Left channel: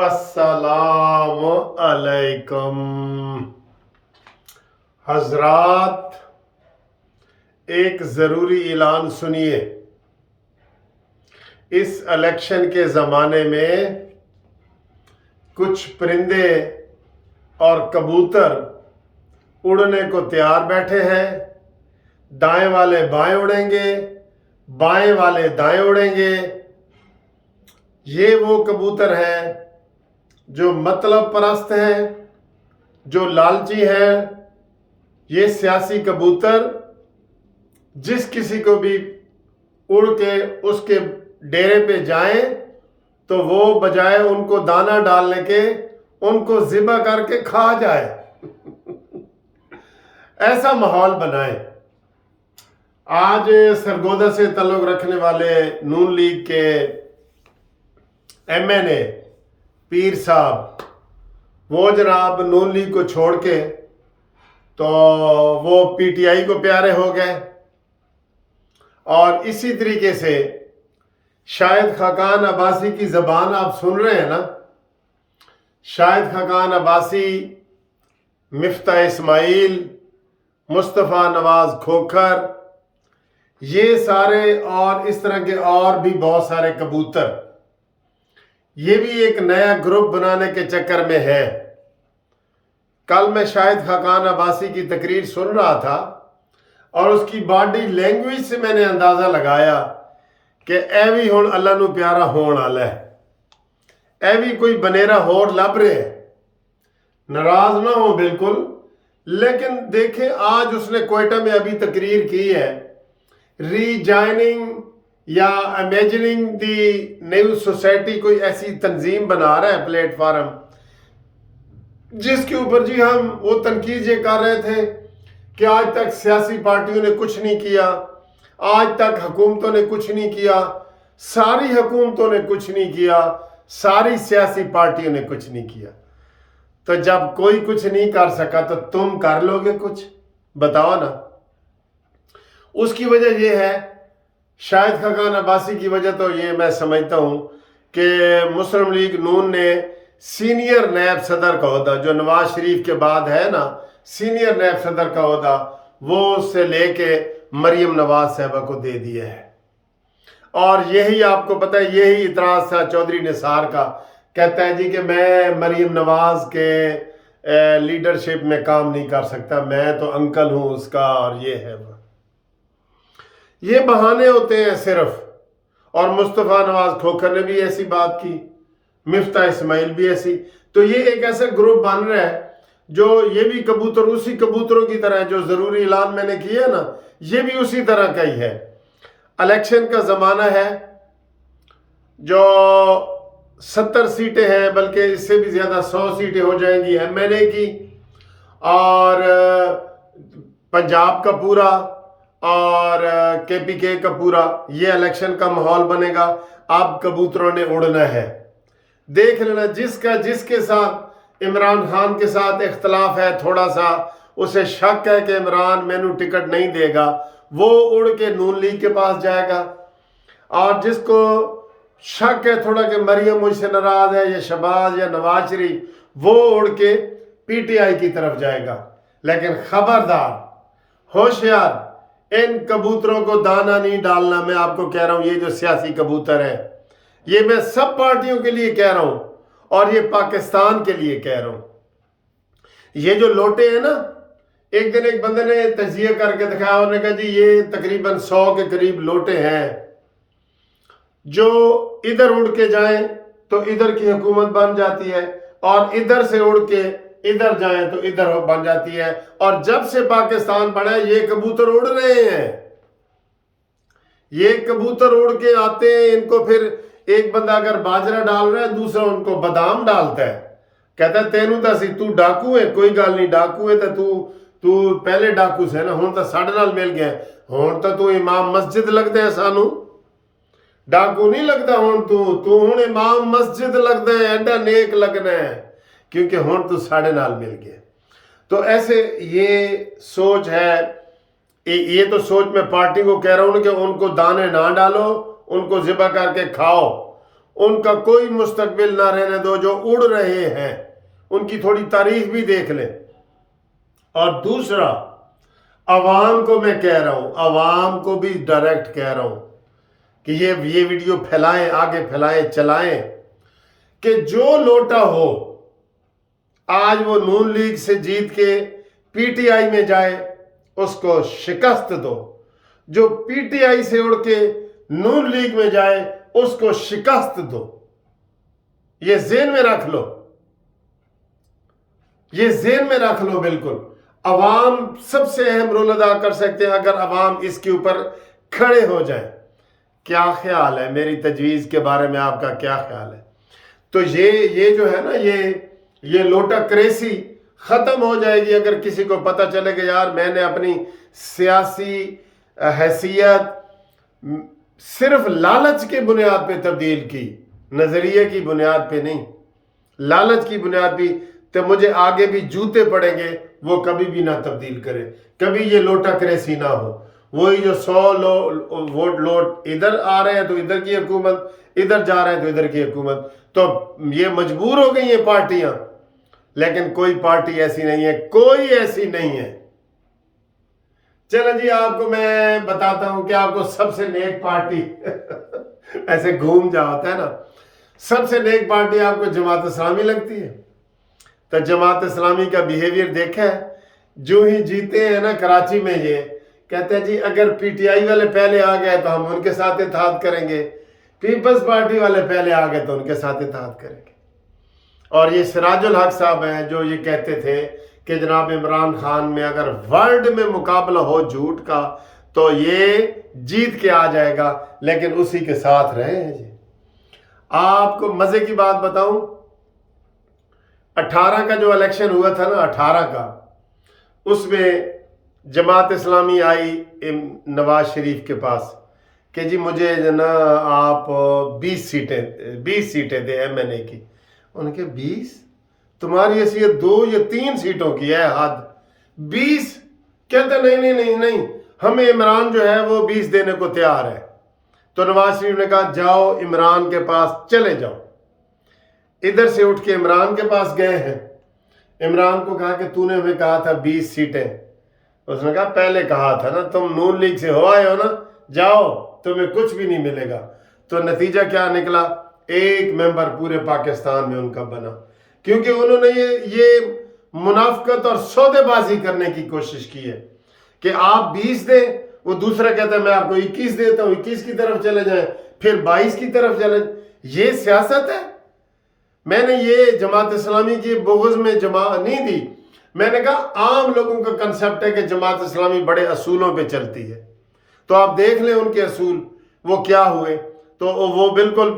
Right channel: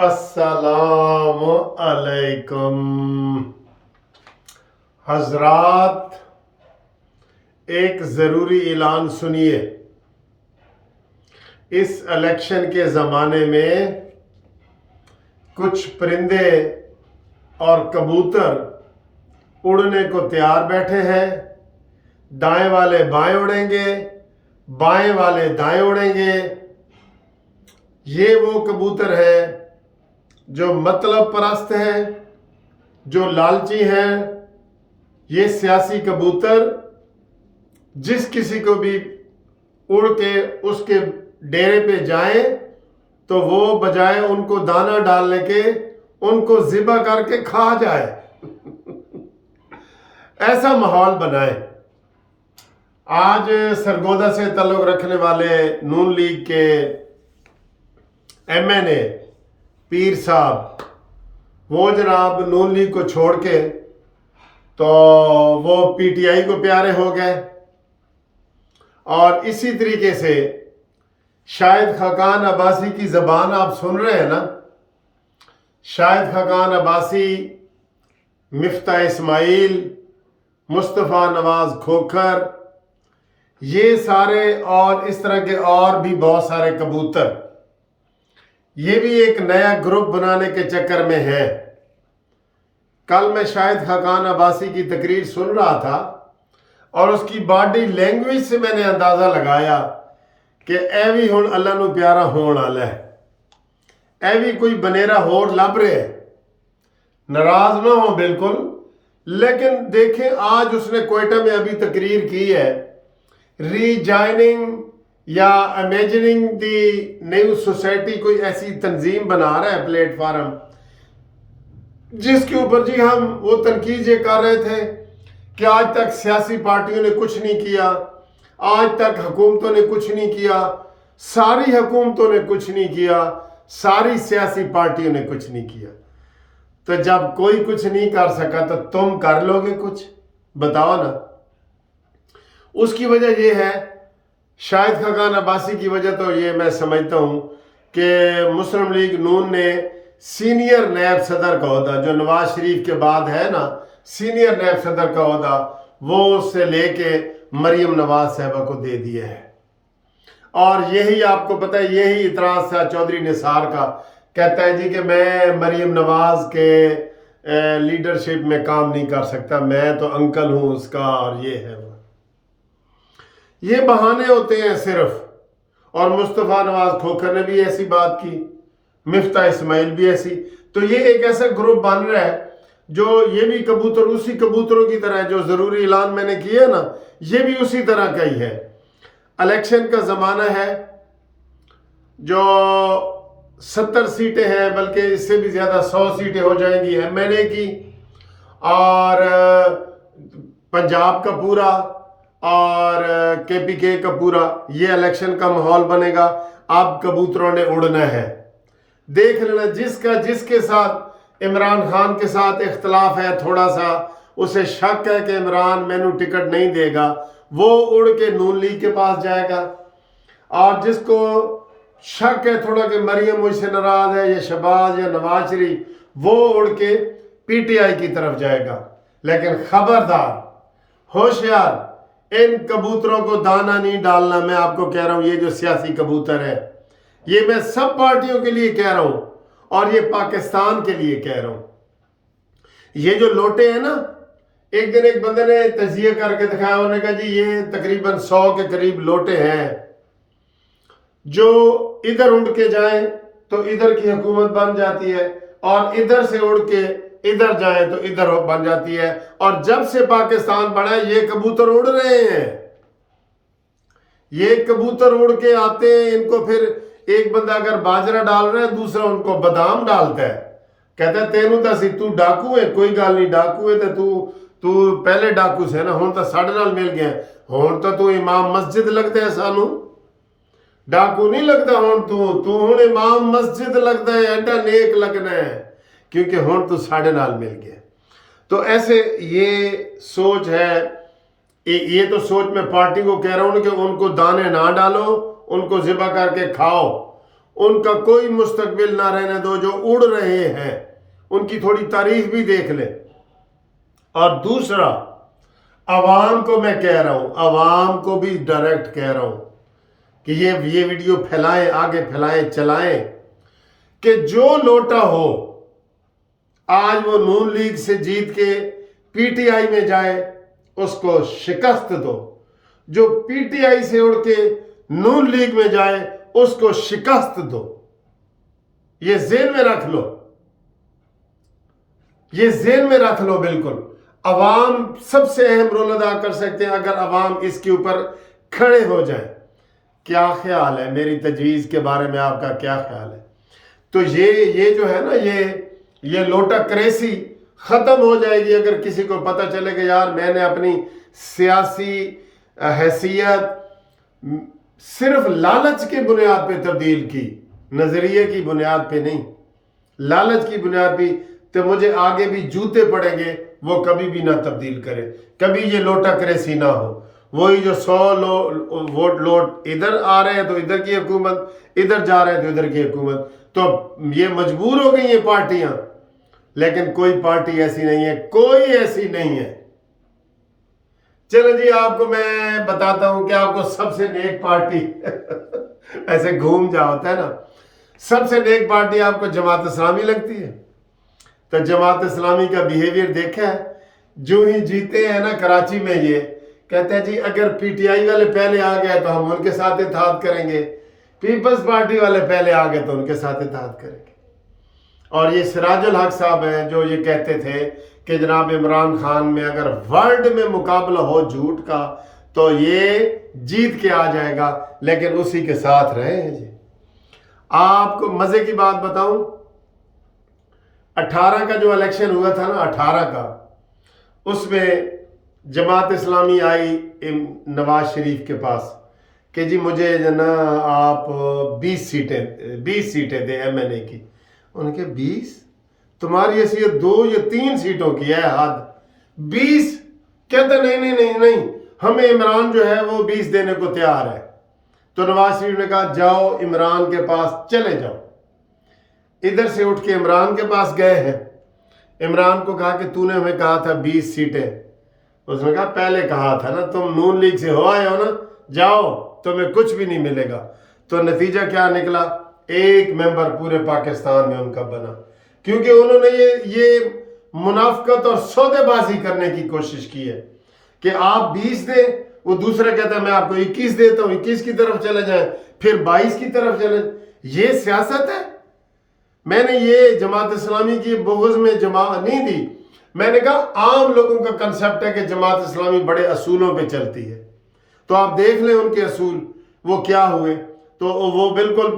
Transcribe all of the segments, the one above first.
السلام علیکم حضرات، ایک ضروری اعلان سنیے۔ اس الیکشن کے زمانے میں کچھ پرندے اور کبوتر اڑنے کو تیار بیٹھے ہیں۔ دائیں والے بائیں اڑیں گے، بائیں والے دائیں اڑیں گے۔ یہ وہ کبوتر ہیں جو مطلب پرست ہیں، جو لالچی ہیں۔ یہ سیاسی کبوتر جس کسی کو بھی اڑ کے اس کے ڈیرے پہ جائیں تو وہ بجائے ان کو دانہ ڈالنے کے ان کو ذبح کر کے کھا جائے۔ ایسا ماحول بنائیں۔ آج سرگودا سے تعلق رکھنے والے نون لیگ کے ایم این اے پیر صاحب، وہ جناب نون لیگ کو چھوڑ کے تو وہ پی ٹی آئی کو پیارے ہو گئے۔ اور اسی طریقے سے شاہد خاقان عباسی کی زبان آپ سن رہے ہیں نا۔ شاہد خاقان عباسی، مفتاح اسماعیل، مصطفیٰ نواز کھوکھر، یہ سارے اور اس طرح کے اور بھی بہت سارے کبوتر، یہ بھی ایک نیا گروپ بنانے کے چکر میں ہے۔ کل میں شاہد خاقان عباسی کی تقریر سن رہا تھا اور اس کی باڈی لینگویج سے میں نے اندازہ لگایا کہ اے بھی ہن اللہ نو پیارا ہون والا ہے، اے بھی کوئی بنیرا ہور لب رہے ہے۔ ناراض نہ ہو بالکل، لیکن دیکھیں آج اس نے کوئٹہ میں ابھی تقریر کی ہے، ری جائننگ یا امیجننگ دی نیو سوسائٹی، کوئی ایسی تنظیم بنا رہا ہے پلیٹ فارم، جس کے اوپر جی ہم وہ تنقید یہ کر رہے تھے کہ آج تک سیاسی پارٹیوں نے کچھ نہیں کیا، آج تک حکومتوں نے کچھ نہیں کیا، ساری حکومتوں نے کچھ نہیں کیا، ساری سیاسی پارٹیوں نے کچھ نہیں کیا۔ تو جب کوئی کچھ نہیں کر سکا تو تم کر لو گے کچھ؟ بتاؤ نا۔ اس کی وجہ یہ ہے، شاہد خاقان عباسی کی وجہ تو یہ میں سمجھتا ہوں کہ مسلم لیگ نون نے سینئر نیب صدر کا عہدہ، جو نواز شریف کے بعد ہے نا سینئر نیب صدر کا عہدہ، وہ اس سے لے کے مریم نواز صاحبہ کو دے دیا ہے۔ اور یہی آپ کو پتہ ہے، یہی اعتراض تھا چودھری نثار کا، کہتا ہے جی کہ میں مریم نواز کے لیڈرشپ میں کام نہیں کر سکتا، میں تو انکل ہوں اس کا، اور یہ ہے وہ۔ یہ بہانے ہوتے ہیں صرف۔ اور مصطفیٰ نواز کھوکھر نے بھی ایسی بات کی، مفتاح اسماعیل بھی ایسی۔ تو یہ ایک ایسا گروپ بن رہا ہے جو یہ بھی کبوتر اسی کبوتروں کی طرح ہے، جو ضروری اعلان میں نے کیا نا، یہ بھی اسی طرح کا ہی ہے۔ الیکشن کا زمانہ ہے، جو 70 سیٹیں ہیں، بلکہ اس سے بھی زیادہ 100 سیٹیں ہو جائیں گی ایم این اے کی، اور پنجاب کا پورا اور کے پی کے کا پورا، یہ الیکشن کا ماحول بنے گا۔ اب کبوتروں نے اڑنا ہے۔ دیکھ لینا، جس کے ساتھ عمران خان کے ساتھ اختلاف ہے، تھوڑا سا اسے شک ہے کہ عمران مینو ٹکٹ نہیں دے گا، وہ اڑ کے نون لیگ کے پاس جائے گا۔ اور جس کو شک ہے تھوڑا کہ مریم مجھ سے ناراض ہے، یا شہباز یا نواز شریف، وہ اڑ کے پی ٹی آئی کی طرف جائے گا۔ لیکن خبردار، ہوشیار، ان کبوتروں کو دانہ نہیں ڈالنا۔ میں آپ کو کہہ رہا ہوں، یہ جو سیاسی کبوتر ہے، یہ میں سب پارٹیوں کے لیے کہہ رہا ہوں، اور یہ پاکستان کے لیے کہہ رہا ہوں۔ یہ جو لوٹے ہیں نا، ایک دن ایک بندے نے تجزیہ کر کے دکھایا، انہوں نے کہا جی یہ تقریباً 100 کے قریب لوٹے ہیں، جو ادھر اڑ کے جائیں تو ادھر کی حکومت بن جاتی ہے، اور ادھر سے اڑ کے ادھر جائیں تو ادھر بن جاتی ہے۔ اور جب سے پاکستان بنا ہے، یہ کبوتر اڑ رہے ہیں، یہ کبوتر اڑ کے آتے ہیں۔ ان کو پھر ایک بندہ اگر باجرہ ڈال رہا ہے، دوسرا ان کو بادام ڈالتا ہے، کہتا ہے تینوں تا سی تو ڈاکو ہے، کوئی گل نہیں، ڈاکو ہے تو پہلے ڈاکو سے نا، ہون تا ساڑھے نال مل گیا، ہون تو امام مسجد لگتا ہے، سانو ڈاکو نہیں لگتا، ہون امام مسجد لگتا ہے، ایڈا نیک لگنا ہے، کیونکہ ہون تو ساڑھے نال مل گیا۔ تو ایسے یہ سوچ ہے، یہ تو سوچ میں پارٹی کو کہہ رہا ہوں کہ ان کو دانے نہ ڈالو، ان کو ذبح کر کے کھاؤ، उनका कोई मुस्तकबिल ना रहने दो। जो उड़ रहे हैं उनकी थोड़ी तारीख भी देख ले। और दूसरा, अवाम को मैं कह रहा हूं, अवाम को भी डायरेक्ट कह रहा हूं कि ये वीडियो फैलाएं, आगे फैलाएं, चलाएं कि जो लोटा हो आज वो नून लीग से जीत के पीटीआई में जाए, उसको शिकस्त दो। जो पीटीआई से उड़ के नून लीग में जाए, उसको शिकस्त दो। ये ज़हन में रख लो, ये ज़हन में रख लो। बिल्कुल अवाम सबसे अहम रोल अदा कर सकते हैं अगर अवाम इसके ऊपर खड़े हो जाए। क्या ख्याल है, मेरी तजवीज़ के बारे में आपका क्या ख्याल है? तो ये जो है ना, ये लोटा क्रेसी ख़त्म हो जाएगी अगर किसी को पता चले कि यार मैंने अपनी सियासी हैसियत सिर्फ लालच की बुनियाद पे तब्दील की, नज़रिए की बुनियाद पे नहीं, लालच की बुनियाद पे, तो मुझे आगे भी जूते पड़ेंगे, वो कभी भी ना तब्दील करे, कभी ये लोटा क्रेसी ना हो। वही जो 100 वोट लोट इधर आ रहे हैं तो इधर की हुकूमत, इधर जा रहे हैं तो इधर की हुकूमत, तो ये मजबूर हो गई हैं पार्टियां। लेकिन कोई पार्टी ऐसी नहीं है, कोई ऐसी नहीं है। चलो जी, आपको मैं बताता हूं कि आपको सबसे नेक पार्टी ऐसे घूम जा होता है ना, सबसे नेक पार्टी आपको जमात इस्लामी लगती है। तो जमात इस्लामी का बिहेवियर देखा है, जो ही जीते हैं ना कराची में, ये कहते हैं जी अगर पीटीआई वाले पहले आ गए तो हम उनके साथ इत्तेहाद करेंगे, पीपल्स पार्टी वाले पहले आ गए तो उनके साथ इत्तेहाद करेंगे। और ये सिराजुल हक साहब हैं जो ये कहते थे कि जनाब इमरान खान में अगर वर्ल्ड में मुकाबला हो झूठ का तो ये जीत के आ जाएगा, लेकिन उसी के साथ रहे हैं जी। आपको मजे की बात बताऊं, 18 का जो इलेक्शन हुआ था ना, 18 का, उसमें जमात इस्लामी आई नवाज शरीफ के पास कि जी मुझे ना आप 20 सीटें दे एमएनए की। उनके 20, तुम्हारी हैसियत 2 या 3 सीटों की है, हद 20। कहते नहीं, हमें इमरान जो है वो 20 देने को तैयार है। तो नवाज शरीफ ने कहा जाओ इमरान के पास चले जाओ। इधर से उठ के इमरान के पास गए हैं, इमरान को कहा कि तूने हमें कहा था 20 सीटें। उसने कहा पहले कहा था ना, तुम नून लीग से हो आए हो ना, जाओ तुम्हें कुछ भी नहीं मिलेगा। तो नतीजा क्या निकला, एक मेंबर पूरे पाकिस्तान में उनका बना, क्योंकि उन्होंने ये मुनाफकत और सौदेबाजी करने की कोशिश की है कि आप 20 दें, वो दूसरा कहता है मैं आपको 21 देता हूं, 21 की तरफ चले जाएं, फिर 22 की तरफ चले। ये सियासत है। मैंने ये जमात इस्लामी की बुग़्ज़ में जमा नहीं दी, मैंने कहा आम लोगों का कंसेप्ट है कि जमात इस्लामी बड़े असूलों पे चलती है। तो आप देख लें उनके असूल वो क्या हुए। तो वो बिल्कुल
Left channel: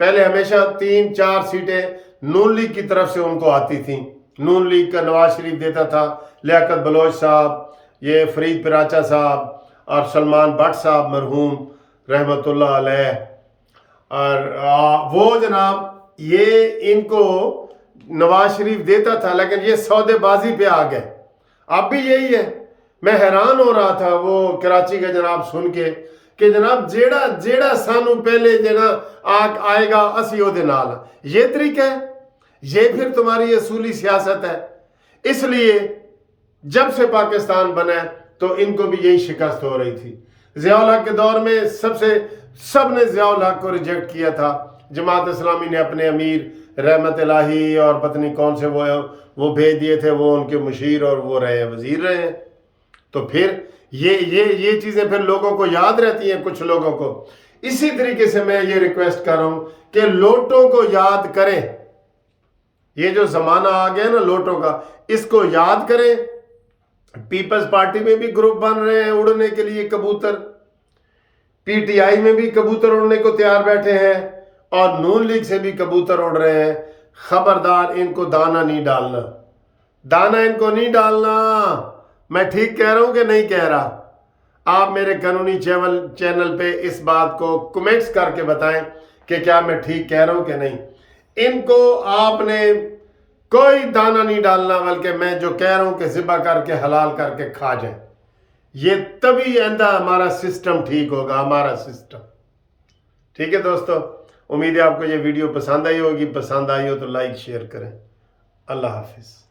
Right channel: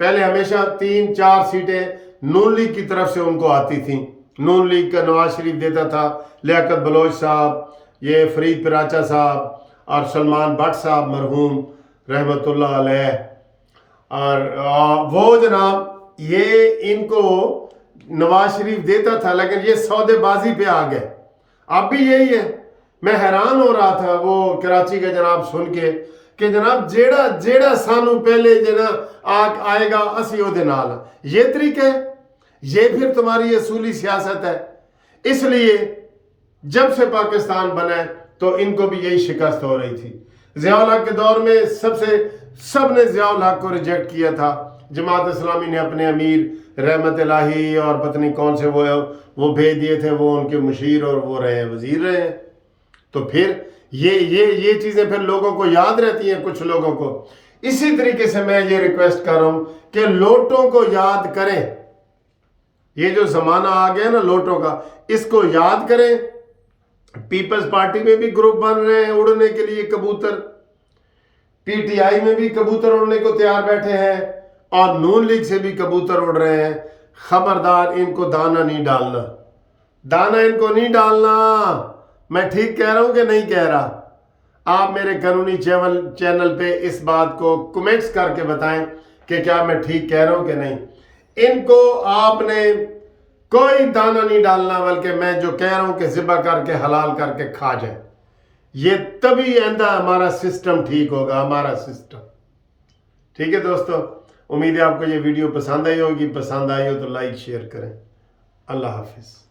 पहले हमेशा 3-4 सीटें नून लीग की तरफ से उनको आती थी। नून लीग का नवाज शरीफ देता था, लियाकत बलोच साहब, ये फरीद पिराचा साहब और सलमान भट्ट साहब मरहूम रहमतुल्लाह अलैह, और वो जनाब ये इनको नवाज शरीफ देता था, लेकिन ये सौदेबाजी पे आ गए। अब भी यही है। मैं हैरान हो रहा था वो कराची का जनाब सुन के कि जनाब जेड़ा सानू पहले जना आएगा असी ओदे नाल। ये तरीका है, ये फिर तुम्हारी असूली सियासत है। इसलिए जब से पाकिस्तान बना है तो इनको भी यही शिकस्त हो रही थी। ज़ियाउल हक के दौर में सब ने ज़ियाउल हक को रिजेक्ट किया था। जमात इस्लामी ने अपने अमीर रहमत इलाही और पत्नी कौन से वो भेज दिए थे, वो उनके मुशीर और वो रहे हैं, वजीर रहे हैं। तो फिर ये चीज़ें फिर लोगों को याद रहती हैं, कुछ लोगों को। इसी तरीके से मैं ये रिक्वेस्ट कर रहा हूं कि लोटों को याद करें। ये जो ज़माना आ गया ना लोटों का, इसको याद करें। पीपल्स पार्टी में भी ग्रुप बन रहे हैं उड़ने के लिए कबूतर, पीटीआई में भी कबूतर उड़ने को तैयार बैठे हैं, और नून लीग से भी कबूतर उड़ रहे हैं। खबरदार, इनको दाना नहीं डालना, दाना इनको नहीं डालना। मैं ठीक कह रहा हूं कि नहीं कह रहा? आप मेरे कानूनी चैनल पे इस बात को कमेंट्स करके बताएं कि क्या मैं ठीक कह रहा हूं कि नहीं। इनको आपने कोई दाना नहीं डालना, बल्कि मैं जो कह रहा हूं कि ज़िबा करके हलाल करके खा जाए। ये तभी आइंदा हमारा सिस्टम ठीक होगा, हमारा सिस्टम। ठीक है दोस्तों, امید ہے آپ کو یہ ویڈیو پسند آئی ہوگی. پسند آئی ہو تو لائک شیئر کریں. اللہ حافظ.